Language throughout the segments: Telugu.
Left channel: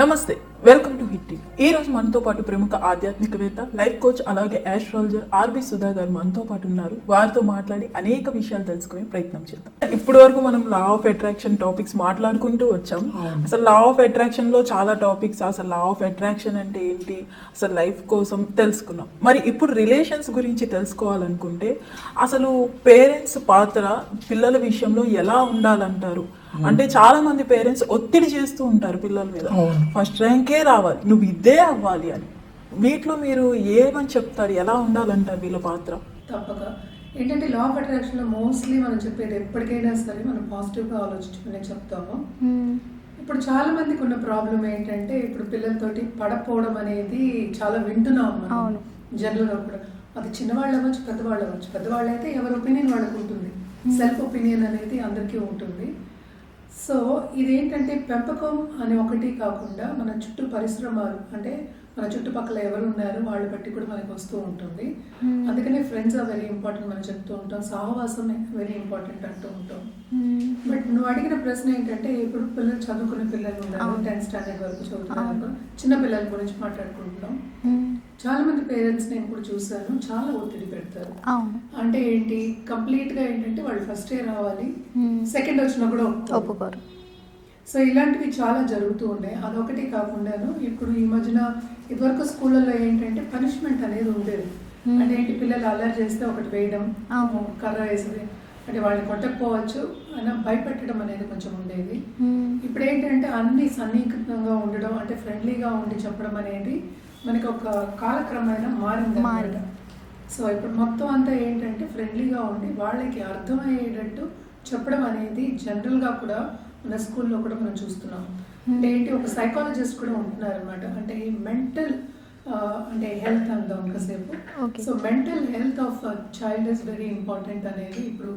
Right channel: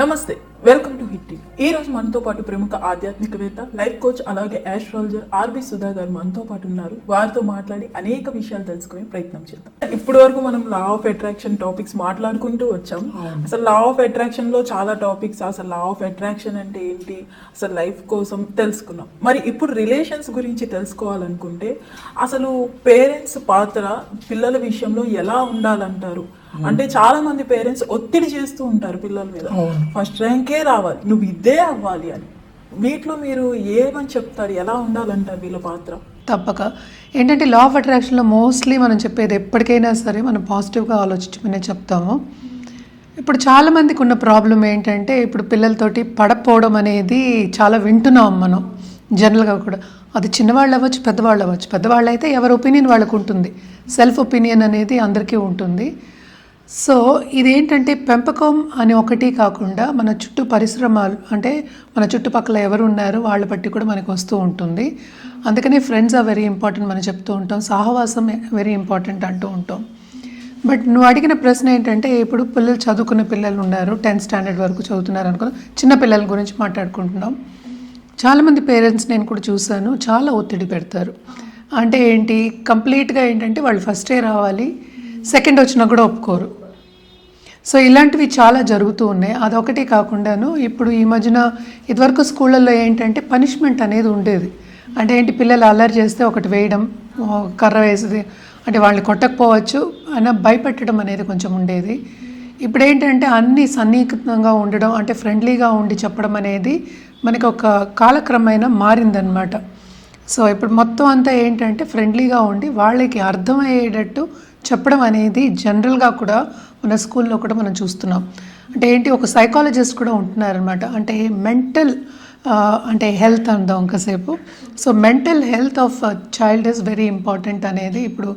నమస్తే, వెల్కమ్ టు హిట్ టీవీ. ఈ రోజు మనతో పాటు ప్రముఖ ఆధ్యాత్మికవేత్త, లైఫ్ కోచ్, అలాగే ఆస్ట్రాలజర్ ఆర్బి సుధా గారు మనతో పాటు ఉన్నారు. వారితో మాట్లాడి అనేక విషయాలు తెలుసుకునే ప్రయత్నం చేద్దాం. ఇప్పటి వరకు మనం లా ఆఫ్ అట్రాక్షన్ టాపిక్స్ మాట్లాడుకుంటూ వచ్చాం. అసలు లా ఆఫ్ అట్రాక్షన్ లో చాలా టాపిక్స్, అసలు లా ఆఫ్ అట్రాక్షన్ అంటే ఏంటి, అసలు లైఫ్ కోసం తెలుసుకున్నాం. మరి ఇప్పుడు రిలేషన్స్ గురించి తెలుసుకోవాలనుకుంటే అసలు పేరెంట్స్ పాత్ర పిల్లల విషయంలో ఎలా ఉండాలంటారు? అంటే చాలా మంది పేరెంట్స్ ఒత్తిడి చేస్తూ ఉంటారు పిల్లల మీద, ఫస్ట్ ర్యాంకే రావాలి, నువ్వు ఇదే అవ్వాలి అని. వీటిలో మీరు ఏమని చెప్తారు, ఎలా ఉండాలంటారు వీళ్ళ పాత్ర? తప్పక ఏంటంటే లా ఆఫ్ అట్రాక్షన్లో మోస్ట్లీ మనం చెప్పేది ఎప్పటికైనా సరే మనం పాజిటివ్గా ఆలోచించమనే చెప్తాము. ఇప్పుడు చాలా మందికి ఉన్న ప్రాబ్లం ఏంటంటే ఇప్పుడు పిల్లలతోటి పడపోవడం అనేది చాలా వింటున్నాం మనం జనరల్గా కూడా. అది చిన్నవాళ్ళు అవ్వచ్చు, పెద్దవాళ్ళు అవ్వచ్చు. పెద్దవాళ్ళు అయితే ఎవరి ఒపీనియన్ వాళ్ళకు ఉంటుంది, సెల్ఫ్ ఒపీనియన్ అనేది అందరికీ ఉంటుంది. సో ఇదేంటంటే పెంపకం అని ఒకటి కాకుండా మన చుట్టూ పరిశ్రమలు, అంటే మన చుట్టుపక్కల ఎవరు ఉన్నారో వాళ్ళ బట్టి కూడా మనకు వస్తూ ఉంటుంది. అందుకనే ఫ్రెండ్స్ ఆర్ వెరీ ఇంపార్టెంట్ మనం చెప్తూ ఉంటాం, సహవాసం వెరీ ఇంపార్టెంట్ అంటూ ఉంటాం. బట్ నువ్వు అడిగిన ప్రశ్న ఏంటంటే ఇప్పుడు పిల్లలు, చదువుకునే పిల్లలు ఉన్నారు, 10th స్టాండర్డ్ వరకు చదువుతున్నారు అనుకో, చిన్న పిల్లల గురించి మాట్లాడుకుంటున్నాం. చాలామంది పేరెంట్స్ నేను కూడా చూశాను, చాలా ఒత్తిడి పెడతారు. అంటే ఏంటి, కంప్లీట్గా ఏంటంటే వాళ్ళు ఫస్టే రావాలి, సెకండ్ వచ్చినా కూడా ఒప్పుకోరు. సో ఇలాంటివి చాలా జరుగుతూ ఉన్నాయి. అదొకటి కాకుండాను ఇప్పుడు ఈ మధ్యన ఇదివరకు స్కూళ్ళల్లో ఏంటంటే పనిష్మెంట్ అనేది ఉండేది. అంటే ఏంటి, పిల్లలు అల్లరి చేస్తే ఒకటి వేయడం, కర్ర వేసేది, అంటే వాళ్ళని కొట్టకపోవచ్చు అని భయపెట్టడం అనేది కొంచెం ఉండేది. ఇప్పుడు ఏంటంటే అన్నీ సన్నిహితంగా ఉండడం, అంటే ఫ్రెండ్లీగా ఉండి చెప్పడం అనేది మనకి ఒక కాలక్రమేణా మారిందనమాట. సో ఇప్పుడు మొత్తం అంతా ఏంటంటే ఫ్రెండ్లీగా ఉండి వాళ్ళకి అర్థమయ్యేటట్టు చెప్పడం అనేది జనరల్గా కూడా మన స్కూల్లో కూడా మనం చూస్తున్నాం. అంటే ఏంటి, ఒక సైకాలజిస్ట్ కూడా ఉంటున్నారనమాట. అంటే మెంటల్ అంటే హెల్త్ అందాం కాసేపు. So mental health of child is very important అనేది ఇప్పుడు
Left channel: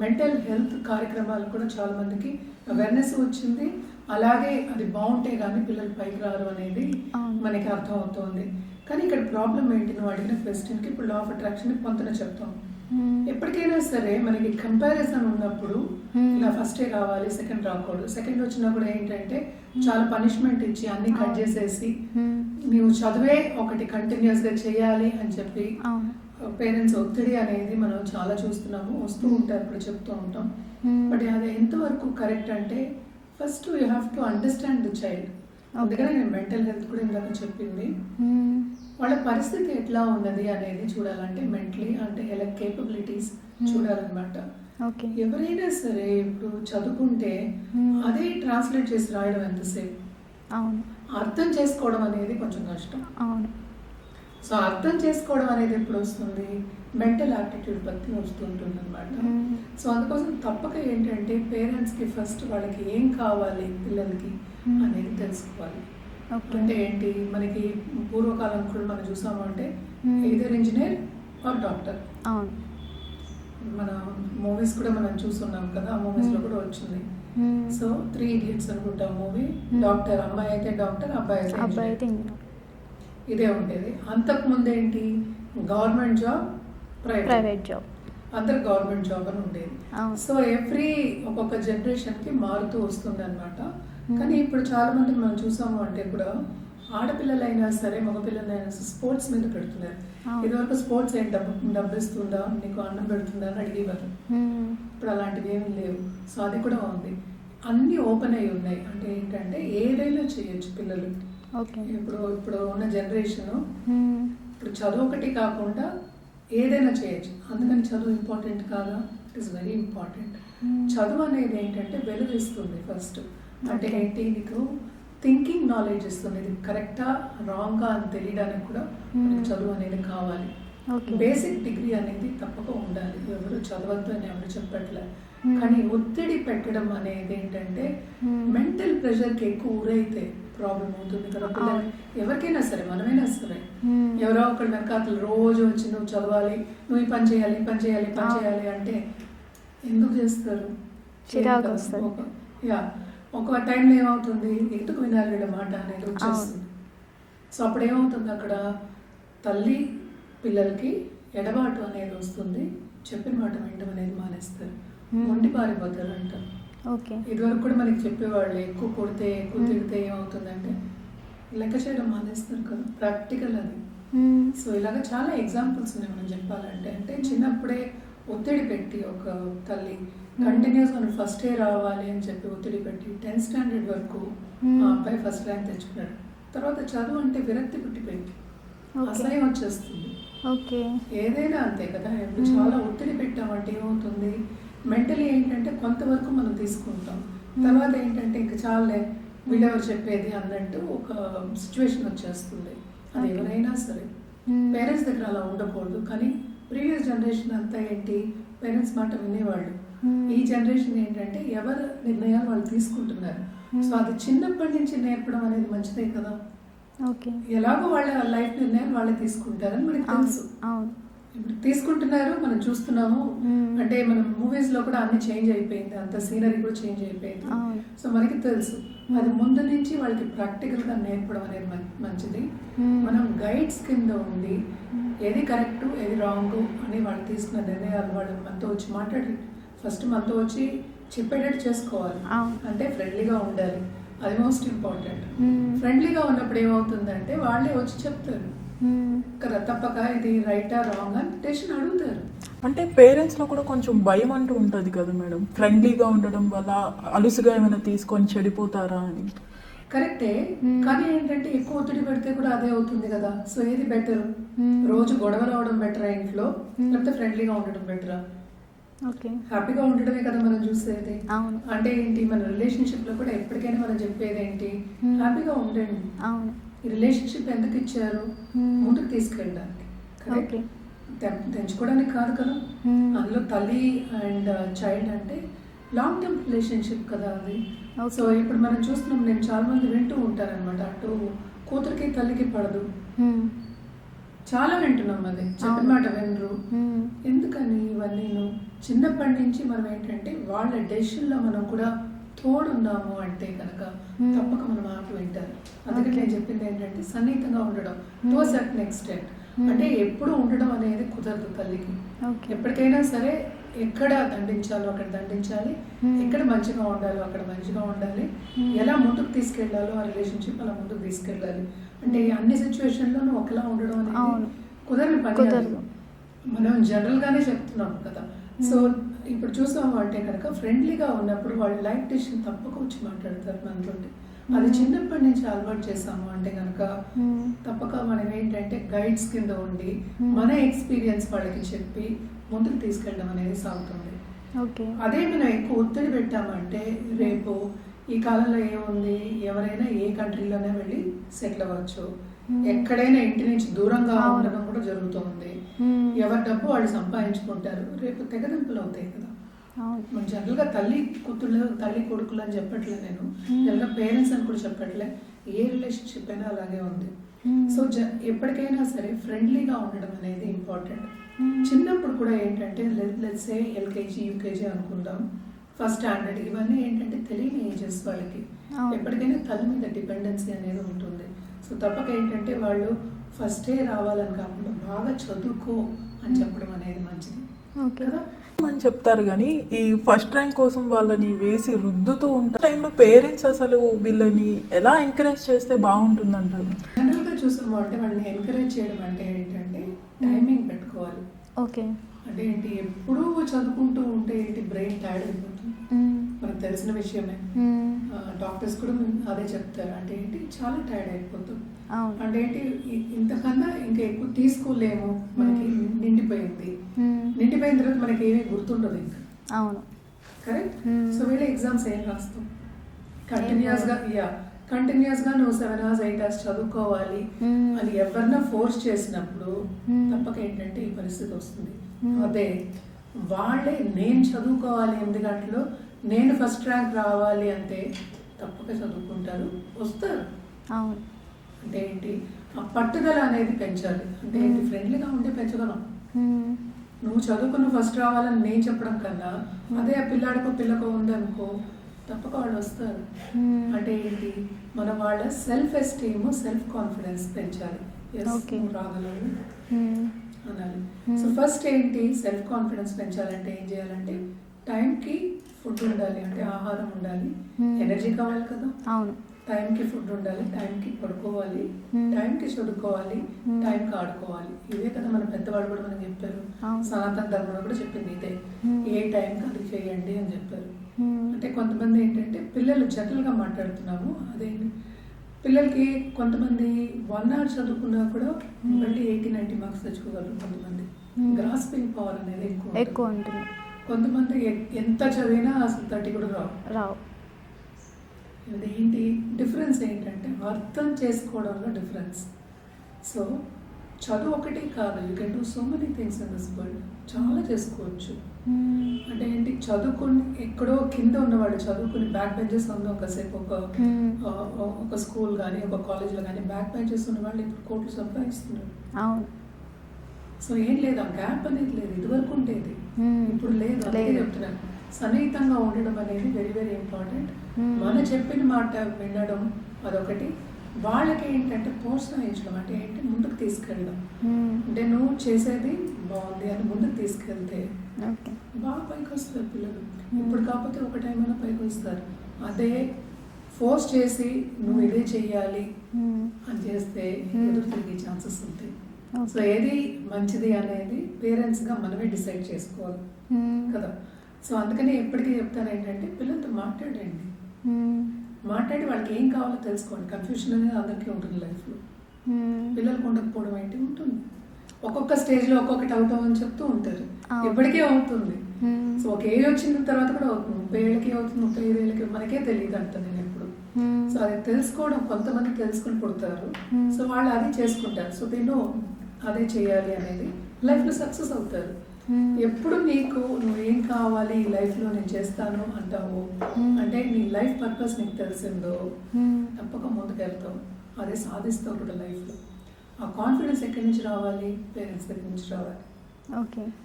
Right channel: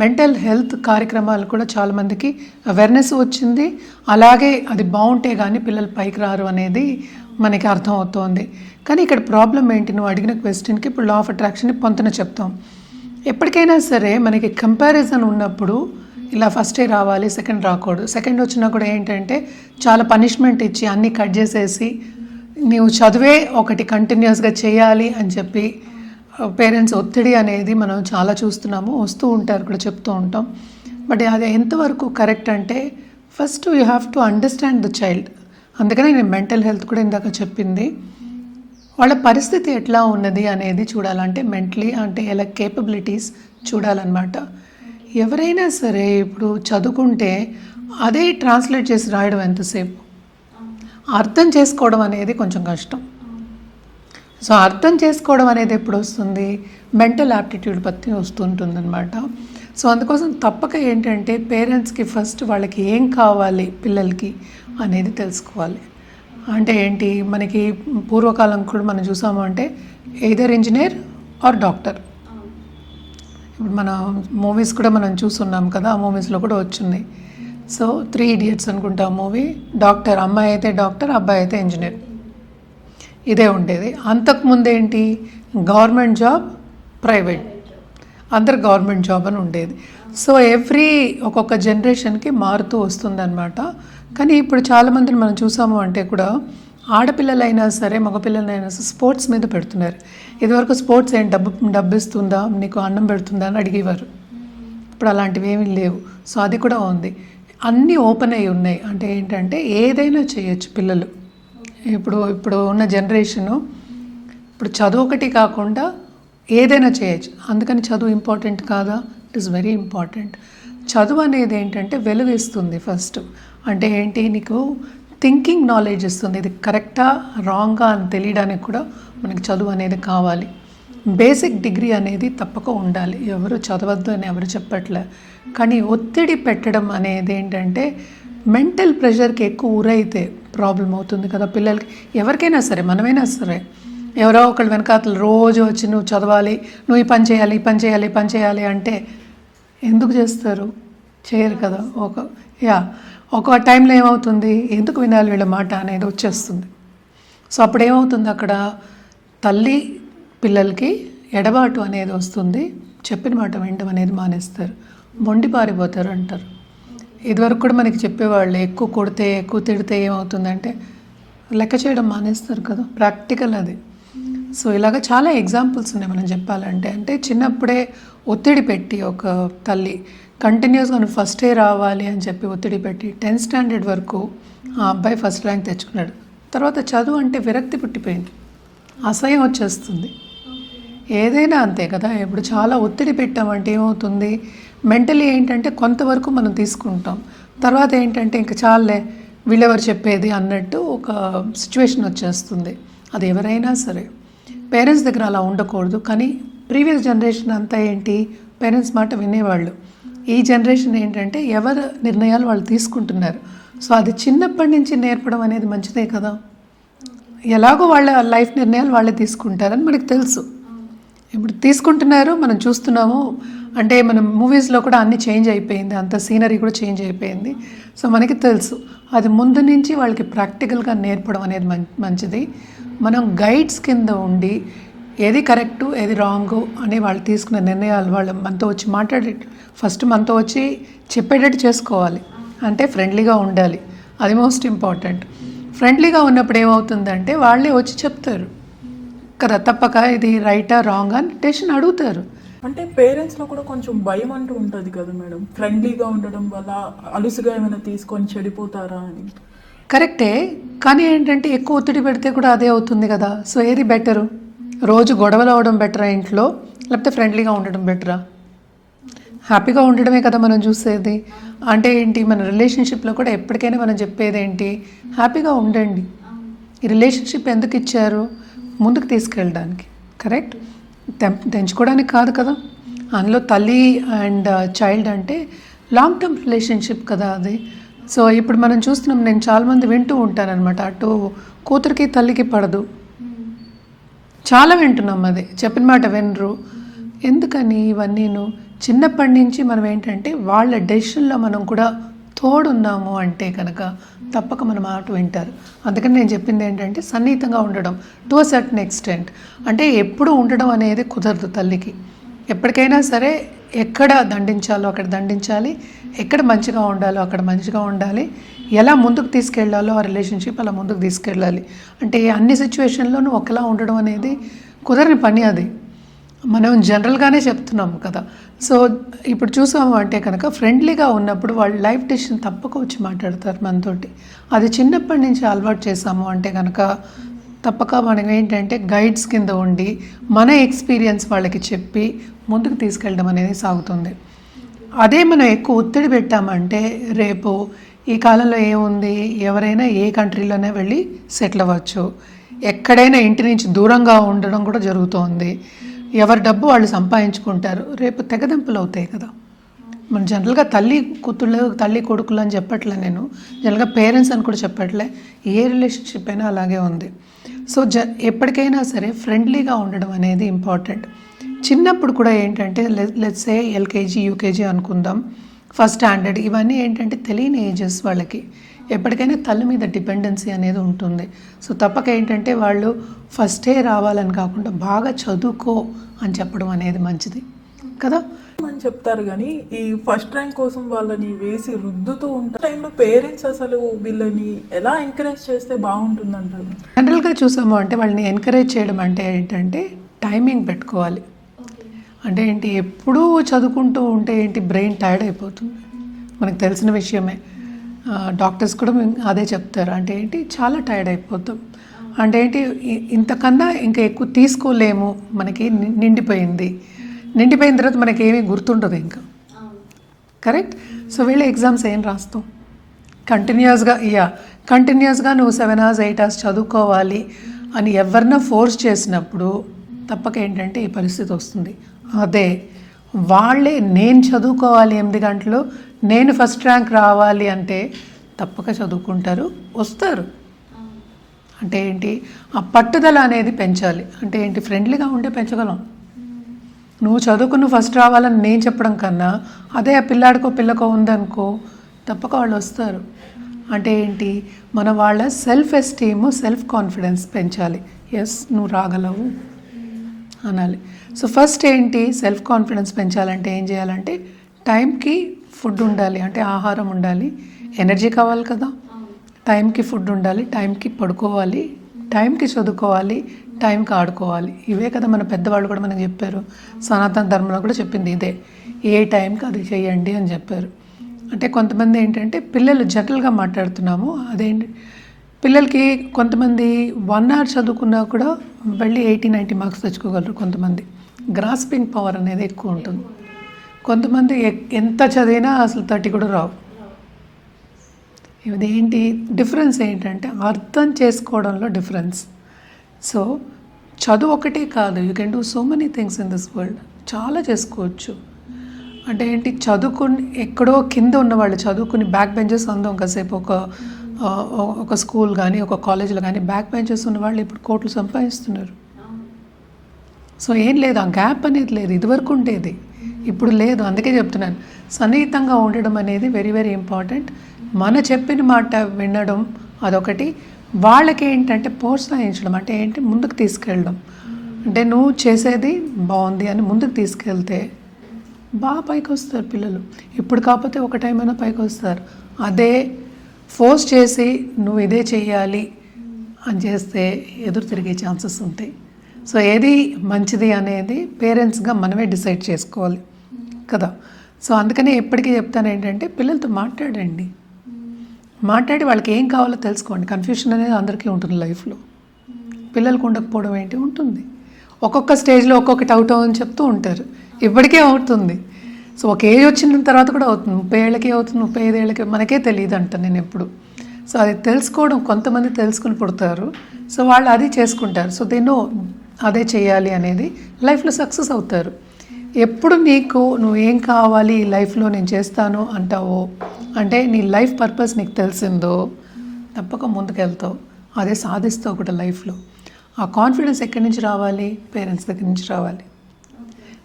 మెంటల్ హెల్త్ కార్యక్రమాలు కూడా చాలామందికి అవేర్నెస్ వచ్చింది. అలాగే అది బాగుంటే కానీ పిల్లలు పైకి రారు అనేది మనకి అర్థం అవుతోంది. కానీ ఇక్కడ ప్రాబ్లం ఏంటి, నువ్వు అడిగిన క్వశ్చన్కి ఇప్పుడు లా ఆఫ్ అట్రాక్షన్ పొంతన చెప్తాం. ఎప్పటికైనా సరే మనకి కంపారిజన్ ఉన్నప్పుడు ఇలా ఫస్టే రావాలి, సెకండ్ రాకూడదు. సెకండ్ వచ్చినా కూడా ఏంటంటే చాలా పనిష్మెంట్ ఇచ్చి అన్నీ కట్ చేసేసి నువ్వు చదివే ఒకటి కంటిన్యూస్గా చేయాలి అని చెప్పి పేరెంట్స్ ఒత్తిడి అనేది మనం చాలా చూస్తున్నాము, వస్తూ ఉంటారు కూడా, చెప్తూ ఉంటాం. బట్ అది ఎంతవరకు కరెక్ట్ అంటే first you have to understand the child. అందుకనే నేను మెంటల్ హెల్త్ కూడా ఇందాక చెప్పింది, వాళ్ళ పరిస్థితి ఎట్లా ఉన్నది అనేది చూడాలంటే మెంటలీ అంటే ఎలా కేపబిలిటీస్ చూడాలన్నమాట. ఎవరైనా సరే ఇప్పుడు చదువుకుంటే అదే ట్రాన్స్లేట్ చేసి రాయడం ఎంతసేపు, అర్థం చేసుకోవడం అనేది కొంచెం కష్టం. సో అర్థం చేసుకోవడం అనేది ఎప్పుడు వస్తుంది, మెంటల్ యాప్టిట్యూడ్ బట్టి వస్తుంటుంది అనమాట. సో అందుకోసం తప్పక ఏంటంటే పేరెంట్స్కి ఫస్ట్ వాళ్ళకి ఏం కావాలి పిల్లలకి అనేది తెలుసుకోవాలి. అంటే ఏంటి, మనకి పూర్వకాలం కూడా మనం చూసాము అంటే ఎయిదర్ ఇంజనీర్ ఆర్ డాక్టర్. ఇప్పుడు మన మూవీస్ కూడా మనం చూస్తున్నాం కదా, ఆ మూవీస్లో కూడా వచ్చింది. సో 3 Idiots అనుకుంటా మూవీ, డాక్టర్ అమ్మాయి అయితే డాక్టర్, అబ్బాయి అయితే ఇంజనీర్, ఇదే ఉండేది. అంతకుముందు ఏంటి, గవర్నమెంట్ జాబ్, ప్రైవేట్ జాబ్, అందరు గవర్నమెంట్ జాబ్ అని ఉండేది. సో ఎవ్రీ ఒక్కొక్క జనరేషన్కి మారుతూ వస్తుంది అనమాట. కానీ ఇప్పుడు చాలామందిని మనం చూసాము అంటే కూడా ఆడపిల్లలైనా సరే మగపిల్లలైనా సరే స్పోర్ట్స్ మీద పెడుతున్నారు. ఇదివరకు స్పోర్ట్స్ ఏం డబ్బు ఇస్తుందా, నీకు అన్నం పెడుతుందా అని అడిగేవారు. ఇప్పుడు అలాంటివి ఏమీ లేవు. సో అది కూడా ఉంది, అన్నీ ఓపెన్ అయి ఉన్నాయి. అంటే ఏంటంటే ఏదైనా చేయొచ్చు పిల్లలు. ఇప్పుడు ఉన్న జనరేషను ఇప్పుడు చదువు ఒకటి కాకుండా ఏదైనా చేయొచ్చు. అందుకని చదువు ఇంపార్టెంట్ కాదా, ఇట్ ఈస్ వెరీ ఇంపార్టెంట్. చదువు అనేది ఏంటంటే వెలువేస్తుంది ఫస్ట్. అంటే ఏంటి, నీకు థింకింగ్ నాలెడ్జ్ ఇస్తుంది. ఇది కరెక్టా రాంగా అని తెలియడానికి కూడా మనకి చదువు అనేది కావాలి. బేసిక్ డిగ్రీ అనేది తప్పక ఉండాలి. ఎవరు చదవద్దు అని ఎవరు చెప్పట్లే. కానీ ఒత్తిడి పెట్టడం అనేది ఏంటంటే మెంటల్ ప్రెషర్కి ఎక్కువ ఊరైతే ప్రాబ్లం అవుతుంది కదా పిల్లలకి. ఎవరికైనా సరే, మనమైనా సరే, ఎవరో ఒకళ్ళు వెనకాతలు రోజు వచ్చి నువ్వు చదవాలి, నువ్వు ఈ పని చేయాలి, ఈ పని చేయాలి, ఈ పని చేయాలి అంటే ఎందుకు చేస్తారు, చేయరు కదా. ఒక టైంలో ఏమవుతుంది, ఎందుకు వినాలి వీళ్ళ మాట అనేది వచ్చేస్తుంది. సో అప్పుడు ఏమవుతుంది, అక్కడ తల్లి పిల్లలకి ఎడబాటు అనేది వస్తుంది, చెప్పిన మాట వినడం అనేది మానేస్తారు, మొండి పారిపోతారు అంటారు. ఇదివరకు కూడా మనకి చెప్పేవాళ్ళు, ఎక్కువ కొడితే ఎక్కువ తిడితే ఏమవుతుందంటే లెక్క చేయడం మానేస్తారు కదా, ప్రాక్టికల్ అది. సో ఇలాగ చాలా ఎగ్జాంపుల్స్ ఉన్నాయి మనం చెప్పాలంటే. అంటే చిన్నప్పుడే ఒత్తిడి పెట్టి ఒక తల్లి కంటిన్యూస్గా నువ్వు ఫస్ట్ ఇయర్ రావాలి అని చెప్పి ఒత్తిడి పెట్టి 10th స్టాండర్డ్ వరకు ఆ అబ్బాయి ఫస్ట్ ర్యాంక్ తెచ్చుకున్నాడు. తర్వాత చదువు అంటే విరక్తి పుట్టిపోయింది, అసహ్యం వచ్చేస్తుంది. ఓకే. ఏదైనా అంతే కదా. ఇప్పుడు చాలా ఒత్తిడి పెట్టామంటే ఏమవుతుంది, మెంటలీ ఏంటంటే కొంతవరకు మనం తీసుకుంటాం, తర్వాత ఏంటంటే ఇంకా చాలే వీళ్ళెవరు చెప్పేది అన్నట్టు ఒక సిచ్యువేషన్ వచ్చేస్తుంది. అది ఎవరైనా సరే పేరెంట్స్ దగ్గర అలా ఉండకూడదు. కానీ ప్రీవియస్ జనరేషన్ అంతా ఏంటి, పేరెంట్స్ మాట వినేవాళ్ళు. ఈ జనరేషన్ ఏంటంటే ఎవరు నిర్ణయాలు వాళ్ళు తీసుకుంటున్నారు. సో అది చిన్నప్పటి నుంచి నేర్పడం అనేది మంచిదే కదా. ఓకే. ఎలాగో వాళ్ళ లైఫ్ నిర్ణయాలు వాళ్ళే తీసుకుంటారని మనకు తెలుసు. అవును. ఇప్పుడు తీసుకుంటున్నారు, మనం చూస్తున్నాము. అంటే మనం మూవీస్లో కూడా అన్ని చేంజ్ అయిపోయింది, అంత సీనరీ కూడా చేంజ్ అయిపోయింది. సో మనకి తెలుసు. అది ముందు నుంచి వాళ్ళకి ప్రాక్టికల్గా నేర్పడం అనేది మంచిది. మనం గైడ్స్ కింద ఉండి ఏది కరెక్టు ఏది రాంగు అని వాళ్ళు తీసుకునే నిర్ణయాలు వాళ్ళు మనతో వచ్చి మాట్లాడి ఫస్ట్ మనతో వచ్చి చెప్పేటట్టు చేసుకోవాలి. అంటే ఫ్రెండ్లీగా ఉండాలి, అది మోస్ట్ ఇంపార్టెంట్. ఫ్రెండ్లీగా ఉన్నప్పుడు ఏమవుతుందంటే వాళ్ళే వచ్చి చెప్తారు కదా, తప్పక ఇది రైటా రాంగ్ అని డెసిషన్ అడుగుతారు. అంటే పేరెంట్స్లో కూడా కొంచెం భయం అంటూ ఉంటుంది కదా మేడం, ఫ్రెండ్లీగా ఉండడం వల్ల అలుసుగా ఏమైనా తీసుకొని చెడిపోతారా అని. కరెక్టే, కానీ ఏంటంటే ఎక్కువ ఒత్తిడి పెడితే కూడా అదే అవుతుంది కదా. సో ఏది బెటరు, రోజు గొడవలు అవడం బెటరా ఇంట్లో, లేకపోతే ఫ్రెండ్లీగా ఉండడం బెటరా? ఓకే. హ్యాపీగా ఉండడమే కదా మనం చూసేది. అంటే ఏంటి, మన రిలేషన్షిప్లో కూడా ఎప్పటికైనా మనం చెప్పేది ఏంటి, హ్యాపీగా ఉండండి. అవును. ఈ రిలేషన్షిప్ ఎందుకు ఇచ్చారు, ముందుకు తీసుకెళ్ళడానికి, కరెక్ట్, తెంచుకోవడానికి కాదు కదా. అందులో తల్లి అండ్ చైల్డ్ అంటే లాంగ్ టర్మ్ రిలేషన్షిప్ కదా అది. సో ఇప్పుడు మనం చూస్తున్నాం, నేను చాలామంది వింటూ ఉంటానన్నమాట, అటు కూతురికి తల్లికి పడదు, చాలా వింటున్నాం, అది చెప్పిన మాట వినరు. ఎందుకని ఇవన్నీను చిన్నప్పటి నుంచి మనం ఏంటంటే వాళ్ళ డెసిషన్లో మనం కూడా తోడున్నాము అంటే కనుక తప్పక మన మాట వింటారు. అందుకని నేను చెప్పింది ఏంటంటే సన్నిహితంగా ఉండడం టు అ సర్టన్ ఎక్స్టెంట్. అంటే ఎప్పుడు ఉండడం అనేది కుదరదు తల్లికి. ఎప్పటికైనా సరే ఎక్కడ దండించాలో అక్కడ దండించాలి, ఎక్కడ మంచిగా ఉండాలో అక్కడ మంచిగా ఉండాలి, ఎలా ముందుకు తీసుకెళ్లాలో ఆ రిలేషన్షిప్ అలా ముందుకు తీసుకెళ్ళాలి. అంటే అన్ని సిచ్యువేషన్లోనూ ఒకలా ఉండడం అనేది కుదరని పని. అది మనం జనరల్గానే చెప్తున్నాం కదా. సో ఇప్పుడు చూసాము అంటే కనుక ఫ్రెండ్లీగా ఉన్నప్పుడు వాళ్ళు లైఫ్ డెసిషన్ తప్పక వచ్చి మాట్లాడతారు మనతోటి. అది చిన్నప్పటి నుంచి అలవాటు చేసాము అంటే కనుక తప్పక మనం ఏంటంటే గైడ్స్ కింద ఉండి మన ఎక్స్పీరియన్స్ వాళ్ళకి చెప్పి ముందుకు తీసుకెళ్ళడం అనేది సాగుతుంది. అదే మనం ఎక్కువ ఒత్తిడి పెట్టామంటే రేపు ఈ కాలంలో ఏముంది, ఎవరైనా ఏ కంట్రీలోనే వెళ్ళి సెటిల్ అవ్వచ్చు, ఎక్కడైనా ఇంటి నుంచి దూరంగా ఉండడం కూడా జరుగుతోంది. ఎవరి డబ్బు వాళ్ళు సంపాదించుకుంటారు, రేపు తెగదెంపులు అవుతాయి కదా. మన జనరల్గా తల్లి కూతుళ్ళు తల్లి కొడుకులు అని చెప్పట్లే, నేను జనరల్గా పేరెంట్స్ అని కూడా చెప్పట్లే, ఏ రిలేషన్షిప్ అయినా అలాగే ఉంది. సో ఎప్పటికైనా సరే ఫ్రెండ్లీగా ఉండడం అనేది ఇంపార్టెంట్. చిన్నప్పుడు కూడా ఏంటంటే లెట్స్ సే ఎల్కేజీ యూకేజీ అనుకుందాం, ఫస్ట్ స్టాండర్డ్, ఇవన్నీ ఏంటంటే తెలియని ఏజెస్ వాళ్ళకి. ఎప్పటికైనా తల్లి మీద డిపెండెన్సీ అనేది ఉంటుంది. సో తప్పక ఏంటంటే వాళ్ళు ఫస్టే రావాలని కాకుండా బాగా చదువుకో అని చెప్పడం అనేది మంచిది కదా అని చెప్తారు. కానీ ఈ ఫస్ట్ ర్యాంక్ కోసం వాళ్ళని వేసి రుద్దుతూ ఉంటారు టైంలో పేరెంట్స్ అసలు వీళ్ళని ఎలా ఎంకరేజ్ చేస్తే బాగుంటుంది అంటారు? జనరల్గా చూసాము అంటే వాళ్ళని ఎంకరేజ్ చేయడం అంటే ఏంటంటే టైమింగ్ పెట్టుకోవాలి. ఓకే. అంటే ఏంటి, ఎప్పుడూ చదువుకుంటూ ఉంటే ఏంటి బ్రెయిన్ టైర్డ్ అయిపోతుంది, మనకు తెలిసిన విషయమే. డాక్టర్స్ కూడా అదే చెప్తారు, అంటే ఏంటి చాలా టైర్డ్ అయిపోతాం. అంటే ఏంటి, ఇంతకన్నా ఇంకా ఎక్కువ తీసుకోలేము, మనకి నిండిపోయిన తర్వాత మనకి ఏమీ గుర్తుండదు ఇంకా. అవును, కరెక్ట్. సో వీళ్ళ ఎగ్జామ్స్ ఏం రాస్తాం, కంటిన్యూస్గా నువ్వు 7 hours 8 hours చదువుకోవాలి అని ఎవరినో ఫోర్స్ చేసినప్పుడు తప్పక ఏంటంటే ఈ పరిస్థితి వస్తుంది. అదే వాళ్ళే నేను చదువుకోవాలి 8 గంటలు, నేను ఫస్ట్ ర్యాంక్ రావాలి అంటే తప్పక చదువుకుంటారు, వస్తారు. అంటే ఏంటి, ఆ పట్టుదల అనేది పెంచాలి. అంటే ఏంటి, ఫ్రెండ్లీగా ఉంటే పెంచగలం. నువ్వు చదువుకుని ఫస్ట్ రావాలని నేను చెప్పడం కన్నా అదే ఆ పిల్లకో ఉందనుకో తప్పక వాళ్ళు వస్తారు. అంటే ఏంటి, మన వాళ్ళ సెల్ఫ్ ఎస్టీమ్ సెల్ఫ్ కాన్ఫిడెన్స్ పెంచాలి. ఎస్ నువ్వు రాగలవు అనాలి. సో ఫస్ట్ ఏంటి, సెల్ఫ్ కాన్ఫిడెన్స్ పెంచాలంటే ఏం చేయాలంటే టైంకి ఫుడ్ ఉండాలి, అంటే ఆహారం ఉండాలి, ఎనర్జీ కావాలి కదా. టైంకి ఫుడ్ ఉండాలి, టైంకి పడుకోవాలి, టైంకి చదువుకోవాలి, టైంకి ఆడుకోవాలి. ఇవే కదా మన పెద్దవాళ్ళు కూడా మనకు చెప్పారు. సనాతన ధర్మంలో కూడా చెప్పింది ఇదే, ఏ టైంకి అది చేయండి అని చెప్పారు. అంటే కొంతమంది ఏంటంటే పిల్లలు జనరల్గా మాట్లాడుతున్నాము, అదేంటి పిల్లలకి కొంతమంది 1 hour చదువుకున్నా కూడా మళ్ళీ 80-90 మార్క్స్ తెచ్చుకోగలరు. కొంతమంది గ్రాస్పింగ్ పవర్ అనేది ఎక్కువ ఉంటుంది. ఎక్కువ ఉంటుంది. కొంతమంది ఎంత చదివినా అసలు 30 కూడా రావు. ఇదేంటి డిఫరెన్స్ ఏంటంటే అర్థం చేసుకోవడంలో డిఫరెన్స్. సో చదువు ఒకటే కాదు, you can do so many things in this world. చాలా చేసుకోవచ్చు. అంటే ఏంటి, చదువుకుని ఎక్కడో కింద ఉన్నవాళ్ళు చదువుకుని బ్యాక్ బెంచెస్ అందాం కాసేపు ఒక స్కూల్ కానీ ఒక కాలేజీలో కానీ బ్యాక్ బెంచెస్ ఉన్న వాళ్ళు ఇప్పుడు కోట్లు సంపాదిస్తున్నారు. సో ఏం లేదు, ఆ గ్యాప్ అనేది లేదు. ఇదివరకు ఉండేది, ఇప్పుడు లేదు. అందుకే చెప్తున్నాను, సన్నిహితంగా ఉండడం అనేది వెరీ వెరీ ఇంపార్టెంట్. మన చెప్పిన మాట వినడం అదొకటి. వాళ్ళకి ఏంటంటే ప్రోత్సహించడం, అంటే ఏంటి ముందుకు తీసుకెళ్ళడం. అంటే నువ్వు చేసేది బాగుంది అని ముందుకు తీసుకెళ్తే బాగా పైకి వస్తారు పిల్లలు. ఇప్పుడు కాకపోతే ఒక టైం అయినా పైకి వస్తారు. అదే ఫోర్స్ చేసి నువ్వు ఇదే చెయ్యాలి అని చేస్తే ఎదురు తిరిగే ఛాన్సెస్ ఉంటాయి. సో ఏది మంచిది అనేది పేరెంట్స్గా మనమే డిసైడ్ చేసుకోవాలి కదా. సో అందుకనే ఎప్పటికీ చెప్తాను ఏంటంటే పిల్లలతో మాట్లాడండి, మాట్లాడి వాళ్ళకి ఏం కావాలో తెలుసుకోండి. కన్ఫ్యూషన్ అనేది అందరికీ ఉంటుంది లైఫ్లో, పిల్లలకు ఉండకపోవడం ఏంటి ఉంటుంది. ఒక్కొక్క స్టేజ్లో ఒక్కొక్కటి అవుతామని చెప్తూ ఉంటారు, ఇప్పటికే అవుతుంది. సో ఒక ఏజ్ వచ్చిన తర్వాత కూడా అవుతుంది, 30 ఏళ్ళకి అవుతుంది, 35 ఏళ్ళకి, మనకే తెలియదు అంట నేను ఎప్పుడు. సో అది తెలుసుకోవడం, కొంతమంది తెలుసుకుని పుడతారు, సో వాళ్ళు అది చేసుకుంటారు. సో దే నో అదే చేయాలి అనేది, లైఫ్లో సక్సెస్ అవుతారు. ఎప్పుడు నువ్వేం కావాలి ఈ లైఫ్లో నేను చేస్తాను అంటావో, అంటే నీ లైఫ్ పర్పస్ నీకు తెలిసిందో తప్పక ముందుకెళ్తావు, అదే సాధిస్తావు కూడా లైఫ్లో. ఆ కాన్ఫిడెన్స్ ఎక్కడి నుంచి రావాలి? పేరెంట్స్ దగ్గర నుంచి రావాలి.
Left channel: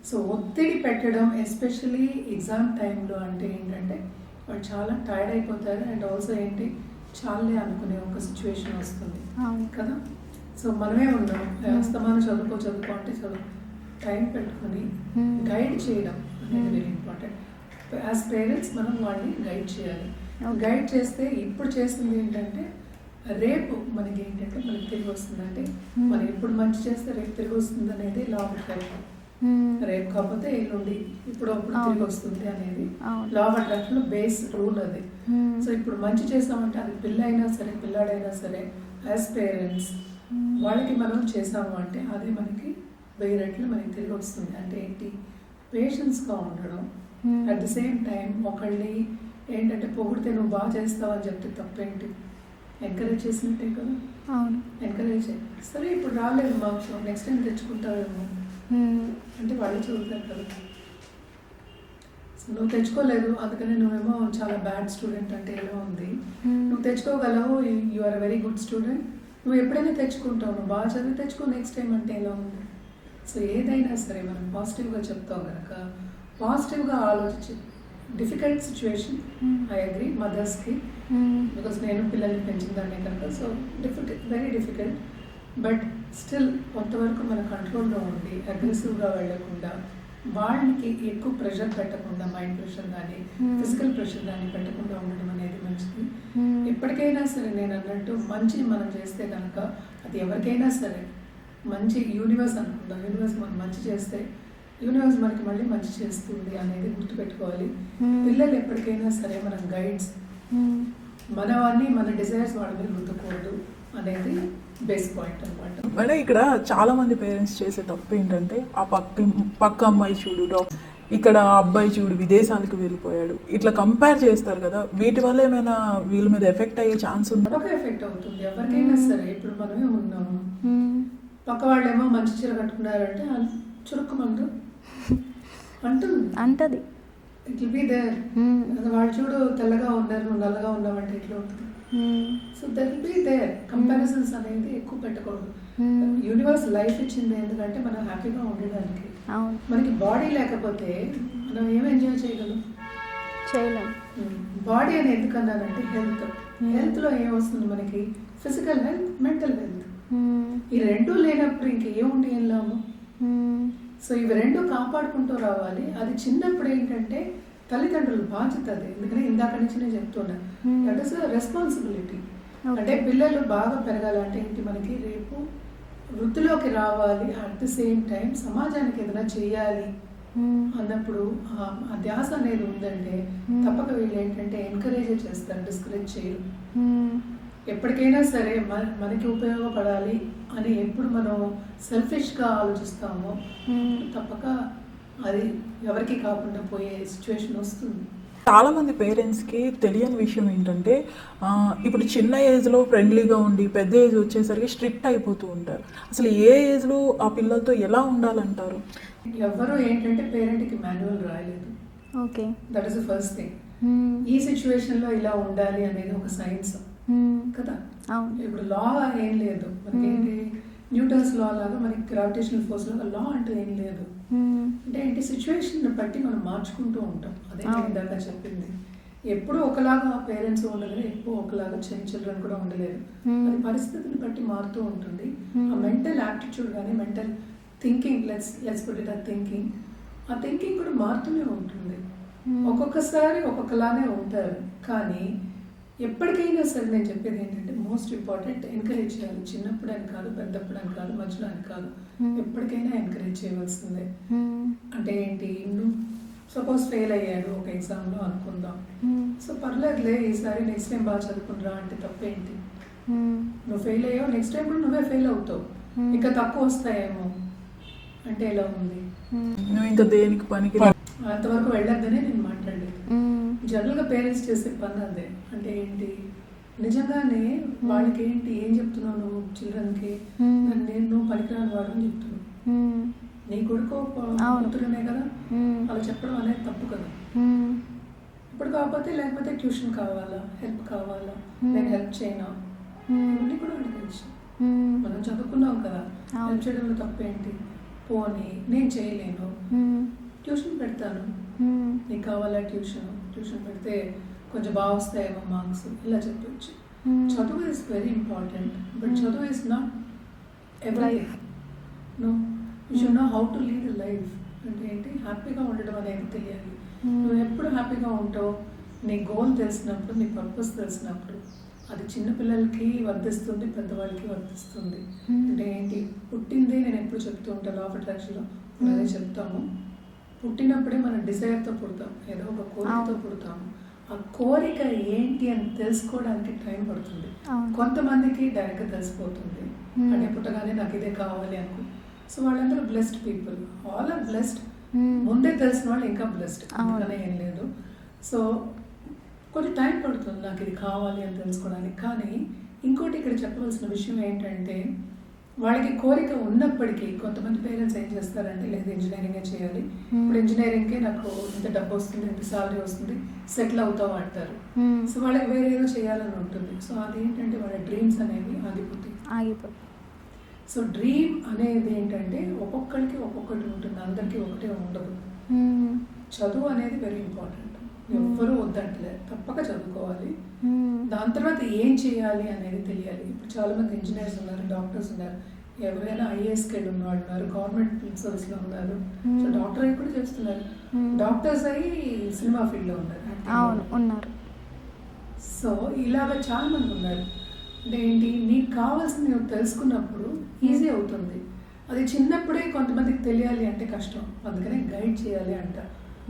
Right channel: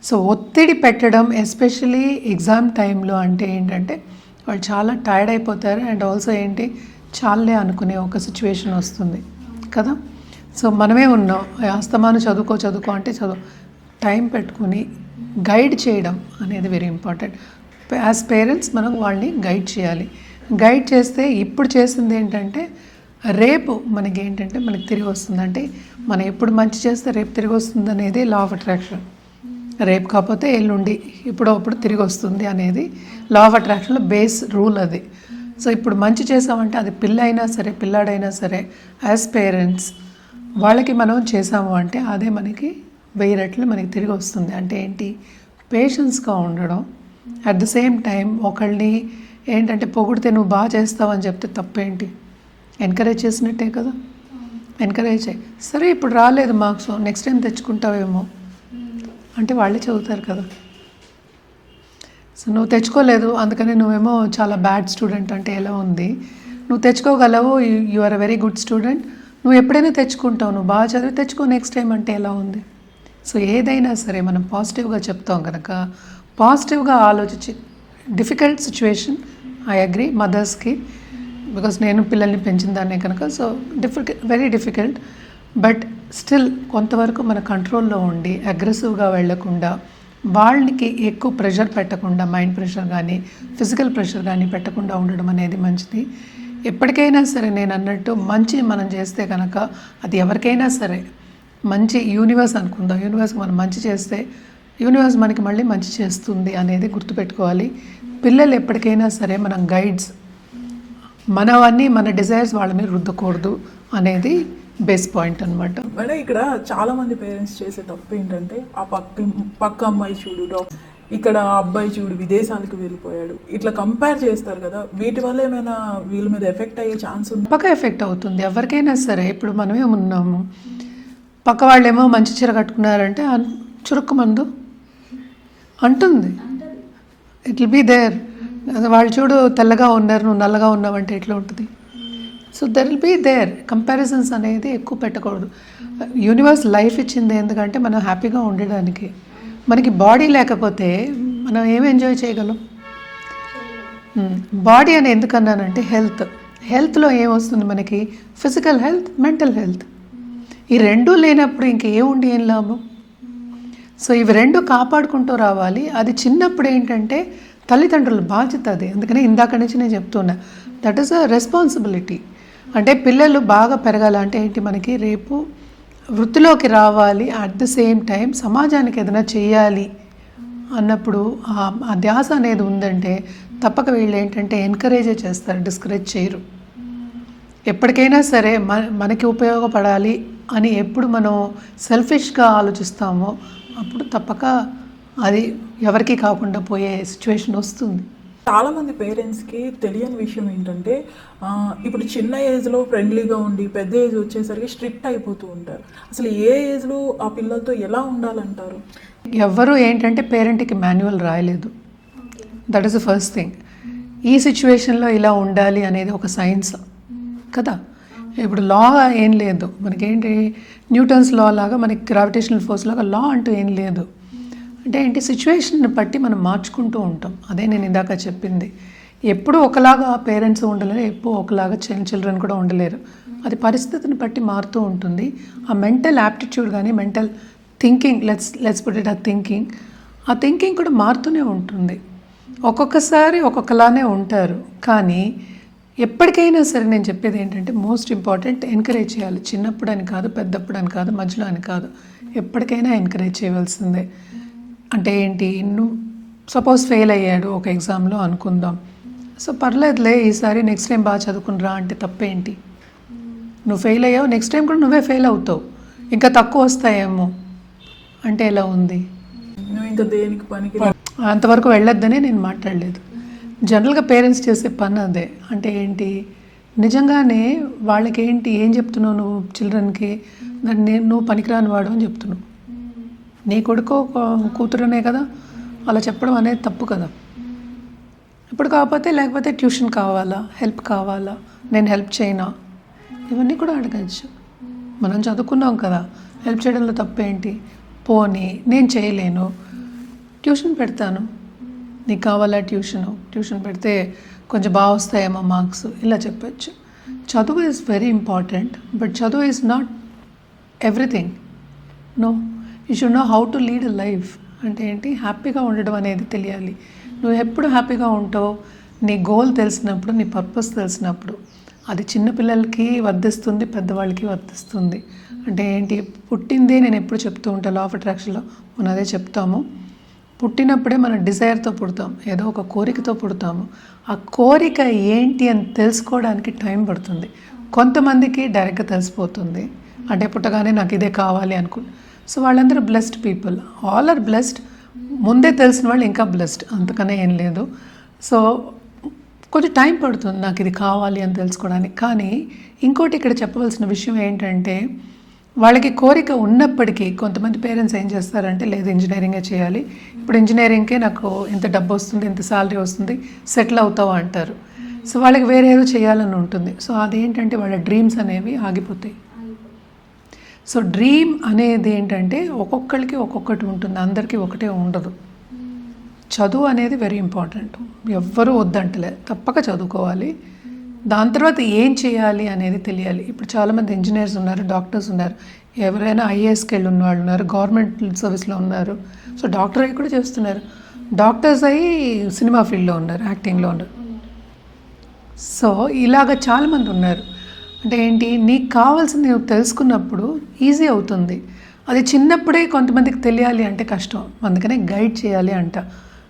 సో ఒత్తిడి పెట్టడం ఎస్పెషలీ ఎగ్జామ్ టైంలో అంటే ఏంటంటే వాళ్ళు చాలా టైర్డ్ అయిపోతారు. అండ్ ఆల్సో ఏంటి, చాలే అనుకునే ఒక సిచ్యువేషన్ వస్తుంది కదా. సో మనమే ఉన్నాం, అస్తమాను చదువుకో అంటే చదువు. టైం పెట్టుకుని గైడ్ చేయడం అనేది వెరీ ఇంపార్టెంట్. యాజ్ పేరెంట్స్ మనం వాళ్ళని గైడ్ చేయాలి. గైడ్ చేస్తే ఇప్పుడు చేసింది ఏంటంటే రేపు మనకి ఏంటంటే మనకి తిరిగి వస్తుందంటే, మనం ఎప్పుడు మంచి చేస్తే రేపు తిరిగి వస్తుంది అనేది లా ఆఫ్ అట్రాక్షన్. రేపు కాకపోతే ఎల్లుండి ఇప్పుడు తిరిగి వస్తుంది అనేది లా ఆఫ్ అట్రాక్షన్లో బేస్ రూల్ అది. సో ఇప్పుడు మంచి చేసామంటే అది పిల్ల అయినా సరే పిల్లాడైనా సరే యాజ్ పేరెంట్స్ వాళ్ళకి మనం చేసాము అంటే అదే మనకి 1000 రెట్లు మనకి తిరిగి వస్తుంది. అంటే ఏంటి, పేషెన్స్గా ఉండడం. అట్ ద సేమ్ టైం ఒకళ్ళని ఏంటంటే పొగిడితే నువ్వు బాగా చేస్తావు అని చెప్తే తప్పేంటి, ఎంకరేజ్ చేసినట్టే కదా. ఎంకరేజ్ అయ్యి సరే ఇప్పుడు రాలేదు మార్క్స్, నెక్స్ట్ టైం తెచ్చుకుంటావేమో అంటే వాళ్ళే చదువుతారు కదా. సో నువ్వు తెచ్చుకోలేదు అందుకని నువ్వేమో చాలా బ్యాడ్ స్టూడెంట్ అంటే ఎలా ఉంది? నువ్వు తెచ్చుకోగలవు, you are a very good student, నువ్వు ఎప్పుడైనా తెచ్చుకుంటావు, నువ్వు బాగా చదివి తెచ్చుకో నెక్స్ట్ టైం అంటే ఎలా ఉంది? సో ఏదైనా సరే మనం పాజిటివ్గా చెప్తాం కనుక, పాజిటివ్గా ఆలోచించి, డిఫికల్ట్ సిచ్యువేషన్ ఐ అగ్రీ మదర్స్కి, బికాస్ నేను పిల్లల్ని పెంచిన దాన్నే కనుక. So very difficult, but still కొంతవరకు మన కంట్రోల్లో ఉండి అగ్రెసివ్గా వెళ్లకుండా, వాళ్ళకి ఎక్కువ ప్రెషర్ పెట్టకుండా, మైండ్ ప్రెషర్ కానీ ఫిజికల్ ప్రెషర్ కానీ పెట్టకుండా ఉండడం అనేది మంచిది. ఎప్పటికైనా సరే నేను అన్నట్టు మంచి మనం చేస్తే కనుక అది ఎవరికైనా సరే మంచి యూనివర్స్ అనుకుందాం, యూనివర్స్ మనం మంచి చేస్తే యూనివర్స్ మనకి మళ్ళీ మంచి చేస్తుంది అనేది గుర్తుపెట్టుకోవాలి. పిల్లలు ఎప్పటికైనా సరే మనం గైడ్స్, మనవన్నీ మన డిజైర్స్ వాళ్ళ మీద రుద్దకూడదు అనేది బేస్ పాయింట్ అనమాట. మేడం ఇక్కడ చాలా మంది పేరెంట్స్ చేసే తప్పు ఏంటంటే, ఆ పక్క అమ్మాయి చూడు, ఇక్కడ అబ్బాయి చూడు విదేశాలకు వెళ్ళిపోయాడు, ఇట్లా కంపేర్ చేస్తారు కదా. వీటి వల్ల ఏమైనా వీళ్ళ మీద ఎఫెక్ట్ అయ్యే ఛాన్స్ ఉంది? పక్క ఎఫెక్ట్ అవుతుంది ఎవరికైనా సరే. ఇప్పుడు మనమే ఉన్నాము, పక్క వాళ్ళేమో మంచి చీర కట్టుకున్నారంటే చురుక్కుమందు అంటుంది, ఇట్ విల్ బీ దేర్. వాళ్ళు చూడు తెల్లగా ఉన్నారు, నువ్వు నల్లగా ఉన్నావంటే ఎట్లా ఉంటుంది? So there will be there. Comparisons అనేది ఎక్కువ పెట్టకూడదు. యూనివర్స్ లైఫ్ ఇచ్చింది ఎందుకంటే మనం హ్యాపీగా ఉండడానికి. మనకి బాడీ లేకపోతే మనం ఏం ఎంజాయ్ చేయగలం? బాడీ అని ఎందుకన్నానంటే హెల్త్లో ఏమొస్తుంది మనకి? Physical health, mental health. ఈ రెండూ లేనప్పుడు ఇంకేముండి ఏం లాభం? సో ఇవి రెండు కాపాడుకుంటూ రావాలి. అది చిన్నప్పుడు ఏంటంటే తల్లిదండ్రుల బాధ్యత అది. అందుకని ఇందాక నుంచి నేను చెప్తున్నా, దట్ ఈస్ అ రెస్పాన్సిబిలిటీ. అంటే పిల్లలు బాగా పెరగాలి అంటే ఏంటి, మనకి రేపు వృత్తిలోకి రావాలి, అట్ ద సేమ్ టైం సమాజానికి ఏదైనా చేయాలి అన్నప్పుడు ఆ ధ్యాస అనేది ఉందంటే తప్పక వీళ్ళు ఏంటంటే ఎంకరేజే చేస్తారు, డిస్కరేజ్ చేయరు. ఎప్పటికైనా సరే మనకి ఉపయోగపడాలి అని ఎప్పుడు మనం సెల్ఫిష్గా ఆలోచిస్తామో అప్పుడు తప్పక అది ఎవరికి కాకుండా పోయే సిచ్యువేషన్ వస్తుంది. చాలా మంది పేరెంట్స్కి తెలియని విషయం ఏంటంటే ఇప్పుడు చిన్న ఏజ్లో ఫ్రెండ్లీగా ఉండి పెద్ద ఏజ్ వచ్చేసరికి స్ట్రిక్ట్ అయిపోతూ ఉంటారు. అసలు ఏ ఏజ్లో ఆ పిల్లలతో ఎలా ఉండాలంటారు? ఎవ్వరూ ఏంటంటే పేరెంట్కి మాన్యువల్ రాయలేదు. Okay. That is the first thing. ఈ సిచ్యువేషన్లో ఇలా ఉండాలి అనేది ఒక సైన్స్ కదా. ఇప్పుడు లా ఏం లేదు మనకేంటి, న్యూటన్స్ లా లాగా మనకి గ్రావిటేషనల్ ఫోర్స్ లాగా లా అంటూ ఏం లేదు. అంటే ఏంటి, సిచ్యువేషన్ బట్టి మనం మార్చుకుంటూ ఉంటాం. అదే నేను ఇందాక చెప్పింది, ఎప్పుడు ఒకలాగా పేరెంట్స్ ఉండలేరు, ఎప్పుడు ఒకలాగా చిల్డ్రన్ కూడా ఉండలేరు. అది పరిస్థితిని బట్టి మారుతూ ఉంటుంది. ఆ మెంటల్ యాప్టిట్యూడ్ కానీ mental thinking, let's put it ఆ థింకింగ్ కూడా మారుతూనే ఉంటుంది. ఒక్కొక్కసారి ఒక్కొక్కలానే ఉంటారు. కానీ ఎప్పటికైనా సరే నేను చెప్పేది ఏంటంటే మోస్ట్ ఇంపార్టెంట్ ఎంకరేజ్ చేయాలి. చిన్నప్పుడు అని కాదు, పెద్దప్పుడు అని కాదు, మధ్యలో అని కాదు, ఎప్పటికైనా ఎంకరేజ్ చేయవలసిందే. అంటే ఏంటి, నువ్వు సపోజ్ ఫెయిల్ అయ్యాడు ఒక ఎగ్జామ్లో అనుకుందాం, సో పర్లేదులే ఈసారి నెక్స్ట్ టైం బాగా చదువుకునిరా అంటే తప్పేంటి? నువ్వు ఫెయిల్ అయ్యావు, నెక్స్ట్ టైం కూడా నువ్వే ఫెయిల్ అవుతావు, ఇంకా తక్కువ వస్తాయేమో అంటే ఎలా ఉంది? నువ్వు ఇంకా దేనికి పనికి అంతవరకు వెళ్ళొద్దనే నేను మాట్లాడలేదు. జనరల్గా పేరెంట్స్ చేసే పని అదే. అంటే ఏంటి, నిజంగానే వాళ్ళకి ఏంటి, ఏం చెప్తున్నావు నువ్వు చిల్డ్రన్కి, నువ్వు పనికిరాని వాడు అని చెప్తున్నావు. నీ కొడుకు కూతురునే కదా, అలా చెప్పడం అనేది తప్పు కదా. ఇప్పుడు కాకపోతే లేకపోతే ట్యూషన్ కావాలా, హెల్ప్ కావాలా, నేను హెల్ప్ చేయనా, ఇవన్నీ కూడా అడగచ్చు. మనం చదువుకున్నాం కదా, హెల్ప్ చేయడంలో తప్పేంటి? పోనీ నేను చేయలేను, ట్యూషన్ పెడతాను, నీకు కావాలా ట్యూషన్ పెడితే కొంచెం బాగా వస్తాయేమో మార్క్స్, ఇలా చెప్పచ్చు. చదువు ఈజ్ వెరీ ఇంపార్టెంట్, బట్ చదువు is not everything. No, you should know how to lead a life. అంటే ఏంటి, హ్యాపీగా ఉండడం అనేది తెలియాలి. నువ్వు ఎప్పుడు హ్యాపీగా ఉంటావు, నీ గోల్ తెలిసినప్పుడు, నీ పర్పస్ తెలిసినప్పుడు. అది చిన్నపిల్లలకి వర్తిస్తుంది, పెద్దవాళ్ళకి వర్తిస్తుంది. అంటే ఏంటి, పుట్టిందే నేను ఎప్పుడు చెప్తూ ఉంటాను, లా ఆఫ్ అట్రాక్షన్లో మనం అదే చెప్తాము. పుట్టినప్పుడే మనం డిజైర్తో పుడతాం, ఏదో ఒక కోరికతో పుడతాము. ఆ కోరిక ఏంటి అని తెలుసుకోవడానికి టైం పడుతుంది. కొంతమందికి డైరెక్ట్గా తెలిసిపోతుంది, అంటే పుట్టగానే నాకు ఇదే కావాలి అనుకుని. సో వాళ్ళందరూ blessed people, all are blessed. ముందే తెలిసిన వాళ్ళు ఇంకా బ్లెస్డ్, అంతకనే ఏం లేదు. సో కొంచెం టైం పడుతుంది నాకు ఇది కావాలి అని తెలుసుకోవడానికి. కానీ ఇంకోటి ఇక్కడ చెప్పవలసిన విషయం ఏంటంటే, వాళ్ళకి కోరిక ఉన్నప్పటికీ కొంతమంది పేరెంట్స్ ఏం చేస్తారంటే, లేదు ఇంజనీరింగే చేయాలి, ఇప్పుడు ఇంజనీరింగ్కే నాకు ఇంత డబ్బు వస్తుంది, ఇంత శాలరీ వస్తుంది, సెటిల్ అవుతావు అంటారు. సో వాళ్ళకి వేరే ఏదో చేయాలని ఉంటుంది. సో అదేంటంటే వాళ్ళ డ్రీమ్స్ అనేవి ఆగిపోతాయి. సో డ్రీమ్ అనేది ఏంటంటే ఒక్కొక్కరికి ఒక్కొక్కటి ఉంటుంది, అందరికీ ఒకటే ఉండదు. చదువు అనేది వెరీ ఇంపార్టెంట్, ఎవ్వరూ వద్దంటలే, తప్పక చదువుకోవాలి. దాని తర్వాత ఏం చేయాలి అనేది తెలియాలి. ఇప్పుడు చాలామంది ఇంజనీర్స్ ఉన్నారు, డాక్టర్స్ ఉన్నారు, ఎవరైనా ఐఏఎస్కి వెళ్ళి ఉన్న వాళ్ళు ఉన్నారు, గవర్నమెంట్ సర్వీస్లో ఉన్నారు. సో డాక్టర్ అయ్యి కూడా చేస్తున్నారు, డాక్టర్స్ అయ్యి సినిమా ఫీల్డ్లో ఉన్నారు, యాక్టింగ్లో ఉన్నారు. సో ఇలాగ చాలామంది ఉన్నారు. అంటే ఏంటి, నీకు కావాల్సింది నువ్వు తెలుసుకున్నప్పుడు ఈజీ అవుతుంది. అది చిన్నప్పుడే కొంతమందికి తెలియాలి అంటే కష్టం, అందుకనే గైడ్ చేయాలి అంట.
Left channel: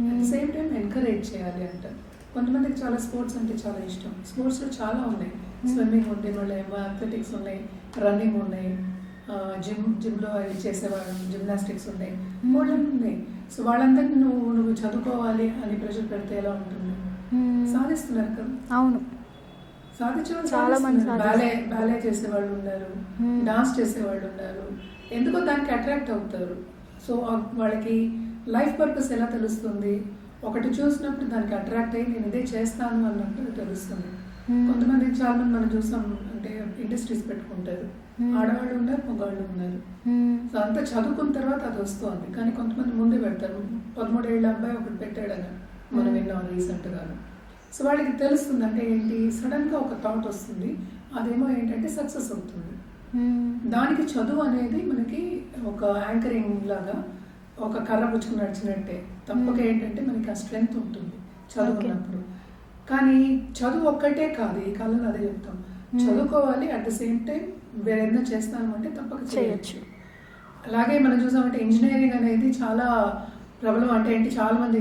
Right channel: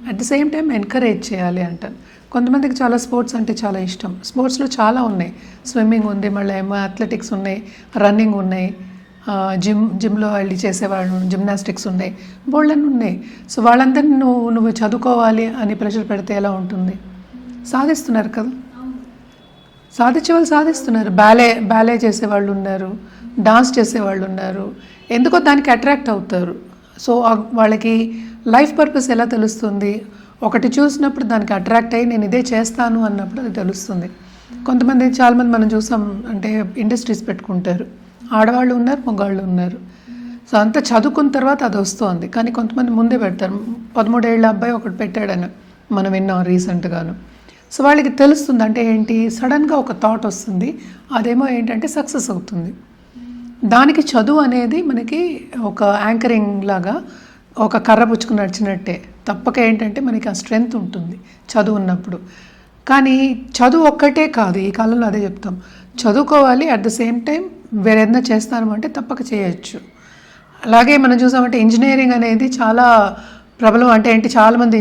At the same time encourage చేయాలి అంట. కొంతమందికి చాలా స్పోర్ట్స్ అంటే చాలా ఇష్టం, స్పోర్ట్స్లో చాలా ఉన్నాయి, స్విమ్మింగ్ ఉంది, మళ్ళీ ఏమో అథ్లెటిక్స్ ఉన్నాయి, రన్నింగ్ ఉన్నాయి, జిమ్లో వెళ్ళి చేసేవాళ్ళు, జిమ్నాస్టిక్స్ ఉన్నాయి, బోల్డన్ ఉన్నాయి. సో వాళ్ళందరినీ నువ్వు చదువుకోవాలి అని ప్రెషర్ పెడితే ఎలా ఉంటుంది? సాధిస్తున్నారు కదా. అవును, సాధించే వాళ్ళు సాధిస్తున్నారు. బ్యాలే చేసేవాళ్ళు ఉన్నారు, డాన్స్ చేసేవాళ్ళు ఉన్నారు. ఎందుకో దానికి అట్రాక్ట్ అవుతారు. సో వాళ్ళకి లైఫ్ పర్పస్ ఎలా తెలుస్తుంది? ఒకటి చూసినప్పుడు దానికి అట్రాక్ట్ అయ్యి నేను ఇదే చేస్తాను అన్నప్పుడు అది తెలుస్తుంది. కొంతమంది చాలామంది మనం చూసాం, అంటే ఇండస్ట్రీస్ పెట్టుకుంటారు, ఆడవాళ్ళు ఉన్నారు, మగవాళ్ళు ఉన్నారు. సో అంతా చదువుకున్న తర్వాత అది వస్తుంది. కానీ కొంతమంది ముందే పెడతారు. 13 ఏళ్ళ అబ్బాయి ఒకటి పెట్టాడని మనం విన్నాం రీసెంట్గాను. సో వాళ్ళకి తెలుస్తుంది, అంటే ఏంటి, సడన్గా ఒక థాట్ వస్తుంది, అదేమో ఏంటంటే సక్సెస్ అవుతుంది. దానికి చదువు అనేది మనకి ఒక యాంకరింగ్ లాగా, ఒక కర్ర పుచ్చుకుని నడిచినట్టే. తప్పక ఏంటంటే మనకి ఆ స్ట్రెంగ్త్ ఉంటుంది చదువు ఉన్నప్పుడు. కానీ చదువు ఒక్కటే కాదు, ఈ కాలంలో అదే చెప్తాం, చదువుకోవాలి, అట్ ద సేమ్ టైం వేరేదైనా చేస్తాను అంటే తప్పక చేయొచ్చు. అలాగే మనం చూసామంటే ఇంజనీరింగ్ అనేది చాలా ప్రబలం. అంటే ఏంటి, చాలామంది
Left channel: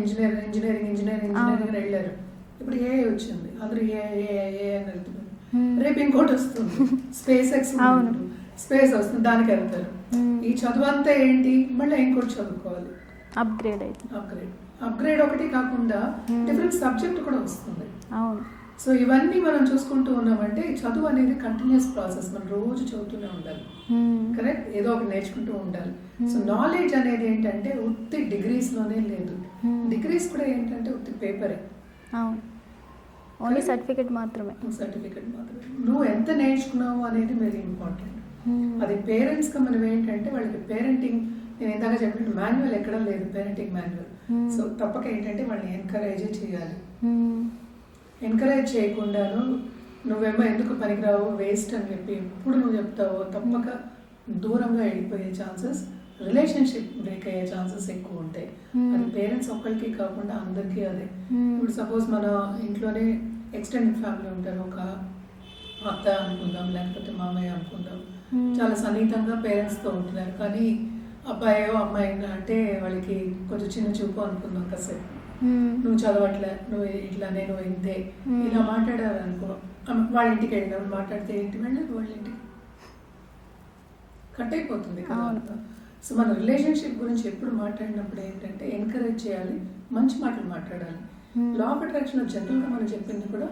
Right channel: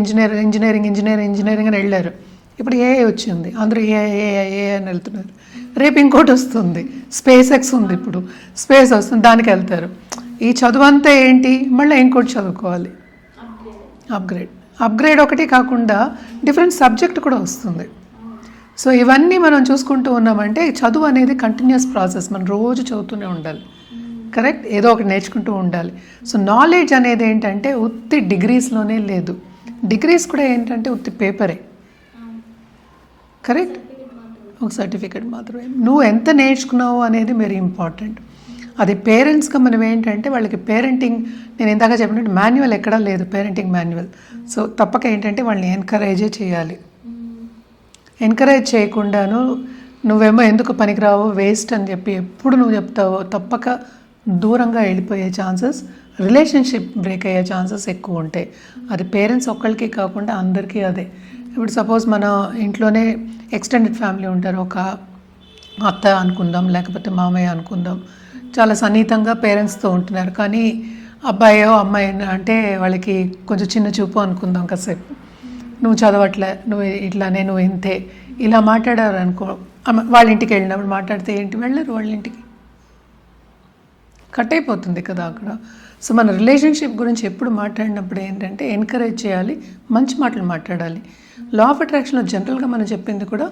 ఇంజనీరింగ్ అని వెళ్ళారు. ఇప్పుడు ఏఐ వచ్చింది, అందరూ ఏ అని వెళ్తున్నారు. రేపు ఇంకోటి వస్తుంది, స్పేస్ ఎక్స్ ఉంది, ఇప్పుడు స్పేస్ వస్తుంది, దానికి వెళ్తారు. ఈ చదువు అంతా ఏంటి, మళ్ళీ ఇంకోటి చదువుకోవాలి, అప్గ్రేడ్ ఒకటి కాకుండా డిఫరెంట్ సబ్జెక్ట్ కూడా వస్తుంది. సో ఇవన్నీ మనం చూసుకుంటూ ఉన్నామంటే చదువు అనేది కంటిన్యూస్ ప్రాసెస్, మనం రోజు చదువుతూనే ఉండాలి. కరెక్ట్, ఏదో ఒకటి నేర్చుకుంటూ ఉండాలి. సో నాలెడ్జ్ అనేది ఏంటంటే ఉత్తి డిగ్రీస్లోనే లేదు, డిగ్రీస్ కూడా ఏంటంటే ఉత్తి పేపరే. కరెక్ట్, ఒక సర్టిఫికెట్ మాత్రమే. నువ్వు ఎంత నేర్చుకున్నావు అనేది వెరీ ఇంపార్టెంట్. అది పేరెంట్స్గా మనం ఏంటంటే వాళ్ళకి పేరెంటింగ్, నేను ఇందాక చెప్పినట్టు మాన్యువల్ ఎక్కడా లేదు, పేరెంటింగ్ మాన్యువల్. సో తప్పక ఏంటంటే వాళ్ళని ఎంకరేజే చేయాలి. ఎంకరేజ్ చేయకుండాను నువ్వేమో ఎందుకు పనికిరావు, వేస్ట్ అని చెప్పి ఎప్పుడు నువ్వు చెప్తావో తప్పక దూరంగా వెళ్ళిపోయే ఛాన్సెస్, రిలేషన్షిప్ బ్రేక్ అయ్యే ఛాన్సెస్ ఎక్కువ ఉంటాయి. అది పేరెంట్స్ ఒక్కరికి కాకుండా అందరికీ అదే. ఇప్పుడు సపోజ్ మన ఇంట్లోనే ఎక్స్టెండెడ్ ఫ్యామిలీ ఉంటారు, ఒక అత్త అనుకుందాం, లేకపోతే మామయ్య అనుకుందాం, చాలా సన్నిహితంగా పేరెంట్స్తో ఉంటున్నారు. కానీ అబ్బాయో అమ్మాయి అంటే వాళ్ళకి కొంచెం చిన్న చూపు అనుకుందాం కాసేపు, నువ్వు చదవట్లే, నువ్వు ఇట్లానే, నువ్వు ఇంతే, ఇలా మాట్లాడారు అనుకో. వాళ్ళ ఇంటికి వెళ్ళినప్పుడు మాట్లాడితే ఏంటి, వెళ్ళరు వాళ్ళ ఇంటికి, కట్ అయిపోతుంది కదా అక్కడ. సో మన రిలేషన్షిప్ గురించి ఎప్పుడు మాట్లాడినప్పుడు ఏంటంటే ఎంకరేజ్ చేయాలి, మంచి మాటలు మాట్లాడాలి. లా ఆఫ్ అట్రాక్షన్లో జనరల్గా మనం చెప్పింది కూడా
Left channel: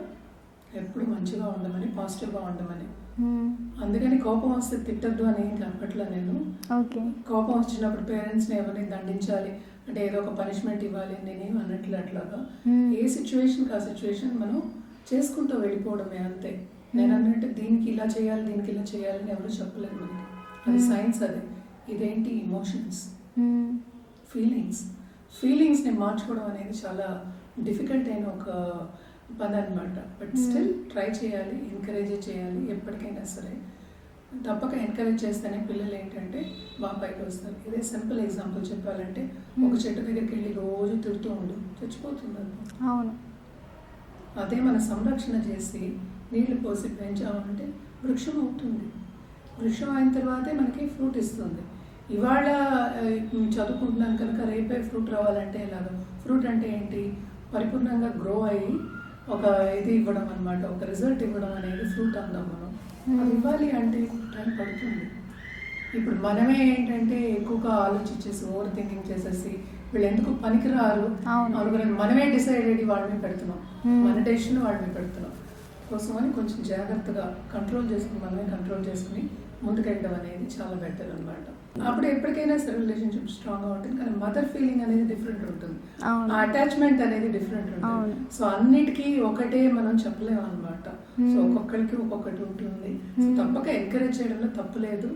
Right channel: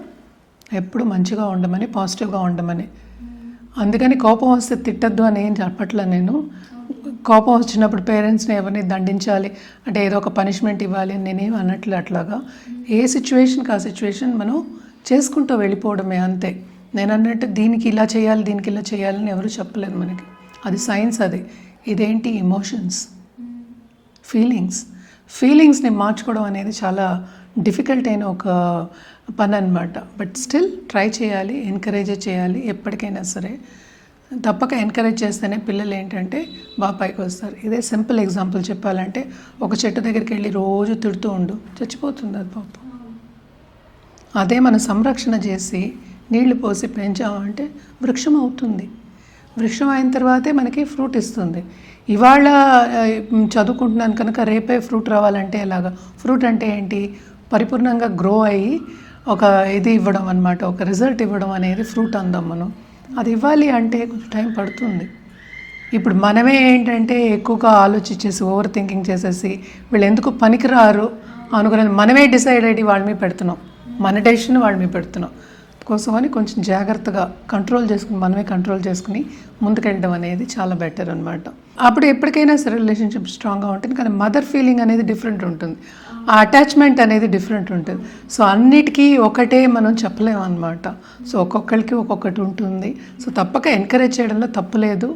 ఎప్పుడు మంచిగా ఉండమని, పాజిటివ్గా ఉండమని. అందుకని కోపం వస్తే తిట్టద్దు అని ఏం చెప్పట్లే నేను. కోపం వచ్చినప్పుడు పేరెంట్స్ని ఎవరిని దండించాలి అంటే ఏదో ఒక పనిష్మెంట్ ఇవ్వాలి అని నేనేం అన్నట్లు. అట్లాగా ఏ సిచ్యువేషన్కి ఆ సిచ్యువేషన్ మనం చేసుకుంటూ వెళ్ళిపోవడమే, అంతే. నేను అన్నట్టు దీనికి ఇలా చేయాలి, దీనికి ఇలా చేయాలని ఎవరు చెప్పలేదు మనకి, అది సైన్స్. అది ఇదేంటి, ఎమోషన్స్, ఫీలింగ్స్ని మార్చుకోవడం అనేది చాలా డిఫికల్ట్ అయిన ఒక పని అనమాట. బట్ స్టిల్ ట్రై చేయాలి, ఎంకరేజ్ చేయాలి ఎప్పటికైనా సరే. తప్పక ఎంకరేజ్ చేస్తేనే పిల్లలు ఏంటంటే బాగా పైకి వస్తారు. ఇదే సింపుల్ ఎగ్జాంపుల్ చెప్పాలంటే, ఒక చెట్టు దగ్గరికి వెళ్ళి రోజు తిడుతూ ఉండు, చచ్చిపోతుంది అది పాపం. అదే మనం సంరక్షణ చేసి నీళ్లు పోసి పెంచామంటే వృక్షం అవుతుంది. వృక్షం అయిన తర్వాతే మనకి ఫ్రూట్ ఇస్తుంది. ఇవాళ చదువుకుంటున్నాను కనుక రేపే ఫ్రూట్ రావాలంటే ఎలాగా? ఫ్రూట్ అంటే ఏంటి, పరిపూర్ణంగా గ్రో అయ్యి ఒక ఇది ఇవ్వడం అనమాట, ఒక రిజల్ట్ ఇవ్వడం అనేది ఫ్రూట్ అందాం మనం. అది ఇవ్వాలి అంటే కొంచెం టైం పడుతుంది. ఇప్పుడు మనమే ఏంటంటే ఎక్కువగా ఆలోచించేసి ఓవర్ థింకింగ్ చేసేసి వీళ్ళు ఎందుకు పనికిరారు అనుకునేది మనమే డిసైడ్ అయ్యి వాళ్ళ మీద పెడుతున్నాం, మన డెసిషన్ వాళ్ళ మీద పెడుతున్నాం. కోసమని కొంచెం జాగ్రత్తగా మనమే కంట్రోల్ చేసుకుని ముందుకెళ్ళడం అనేది చాలా బెటర్ అనమాట. అప్పుడు ఎప్పటికైనా సరే రిలేషన్షిప్ స్ట్రాంగ్గా ఉంటుంది. కానీ మదర్ ఫీలింగ్ అనేది డిఫరెంట్ ఉంటుంది, ఆ అటాచ్మెంట్ అనేది డిఫరెంట్ ఉంటుంది. సో అన్నిటికీ ఒకటే మనం చెప్పలేము అనమాట. సో ఒక్కొక్కరికి ఒక్కొక్కటి ఉంటుంది. సో తప్పక ఎంకరేజ్ చేయడంలో తప్పు లేదు.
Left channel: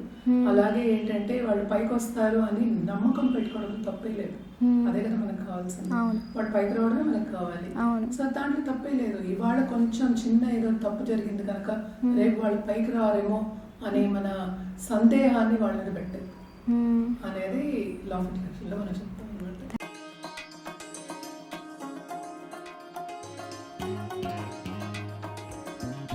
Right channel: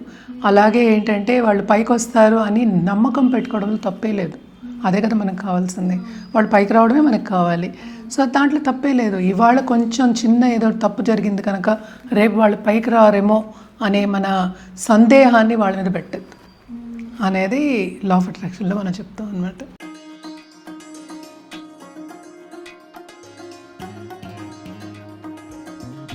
అలాగే ఏంటంటే వాళ్ళు పైకి వస్తారు అని నమ్మకం పెట్టుకోవడంలో తప్పే లేదు. అదే కదా మనకు కావాల్సింది, వాళ్ళు పైకి రావడమే మనకు కావాలి. సో దాంట్లో తప్పే లేదు. ఇవాళ కొంచెం చిన్న ఏదో తప్పు జరిగింది కనుక రేపు వాళ్ళు పైకి రారేమో అనే మన సందేహాన్ని వాళ్ళ మీద పెట్టద్దు అనేది లా ఆఫ్ అట్రాక్షన్లో మనం చెప్తాం అన్నమాట.